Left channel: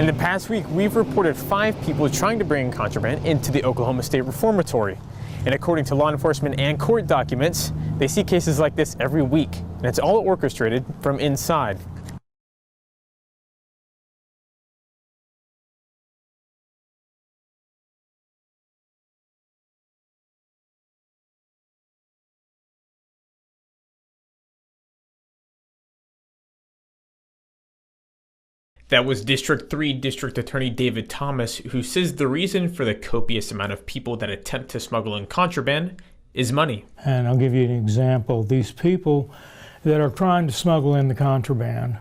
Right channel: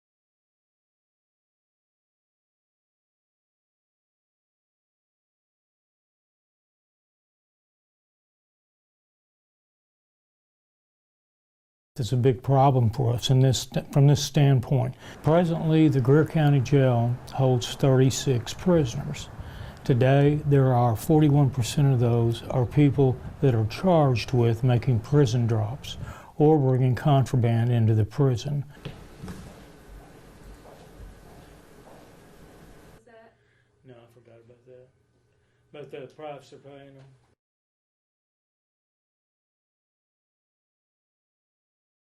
In the past week, we've reported 5 people trying to bring contraband into the Oklahoma State Reformatory. And according to law enforcement and court documents, they see cases like this every week, and it's all orchestrated from inside. It's a big problem for us from this standpoint. Presently, the Greer County Jail holds 36 prisoners. Today, there are 41% of those are people that are charged with making prison drops or bringing contraband into the prison. That was District 3 District Attorney David Thomas, who says the reason for the copious amount of people that attempt to smuggle in contraband is money. And I'll give you an example. These people that are trying to smuggle in the contraband,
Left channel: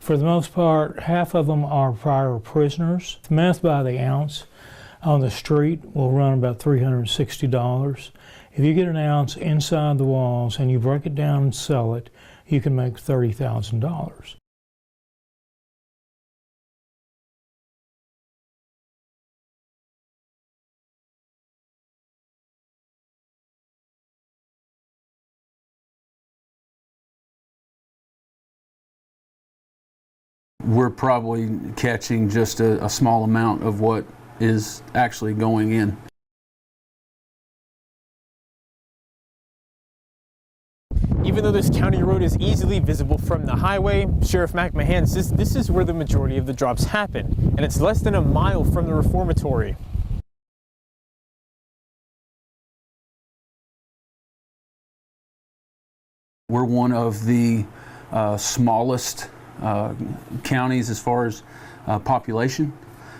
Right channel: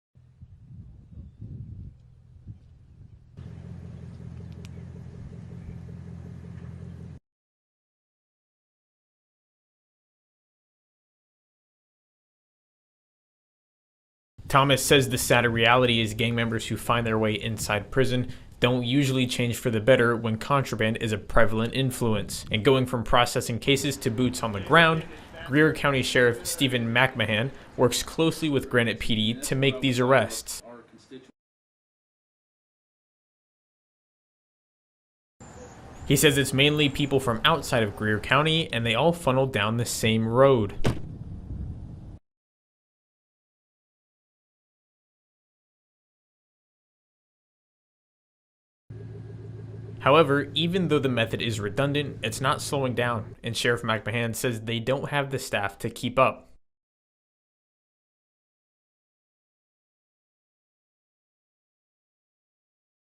for the most part, half of them are prior prisoners. Meth by the ounce on the street will run about $360. If you get an ounce inside the walls and you break it down and sell it, you can make $30,000. Thomas says the sad reality is gang members who find their way inside prison don't usually change for the better when contraband is a prevalent influence. And going from processing cases to boots on the ground, Greer County Sheriff Stephen McMahon works closely with Granite PD to make these arrests. We're probably catching just a small amount of what is actually going in. He says it's mainly people from outside of Greer County, and they all funnel down the same road. Even though this county road is easily visible from the highway, Sheriff McMahon says this is where the majority of the drops happen, and it's less than a mile from the reformatory. However, even though the method is redundant, it's not slowing down, and Sheriff McMahon says they don't have the staff to keep up. We're one of the smallest counties as far as population.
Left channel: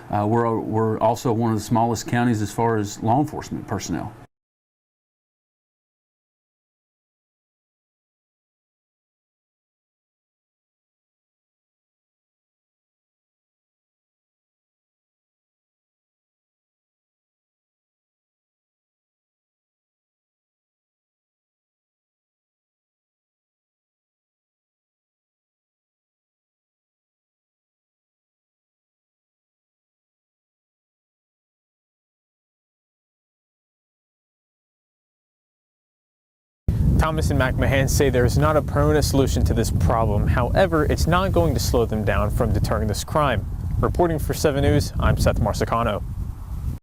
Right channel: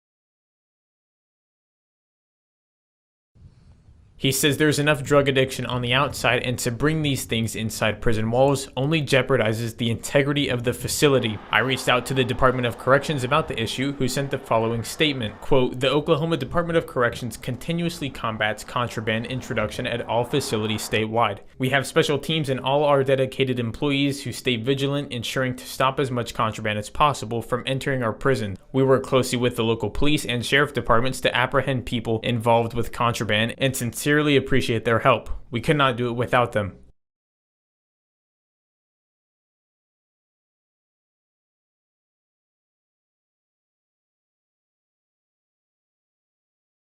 We're also one of the smallest counties as far as law enforcement personnel. He says there's enough drug addiction on the outside, and to bring these things inside prison walls only jeopardizes the integrity of the facility. I reached out to the Department of Corrections about the issue, who sent the following statement, quote, "The Oklahoma Department of Corrections continuously combats contraband introduction at all facilities statewide. We have special teams and all our dedicated employees who stay vigilant, ensuring to stop as much contraband as possible from entering our prison. We work closely with the local police and sheriff departments to apprehend people involved with contraband and sincerely appreciate their help. We could not do it without them." Thomas and McMahon say there is not a permanent solution to this problem. However, it's not going to slow them down from deterring this crime. Reporting for 7 News, I'm Seth Marsicano.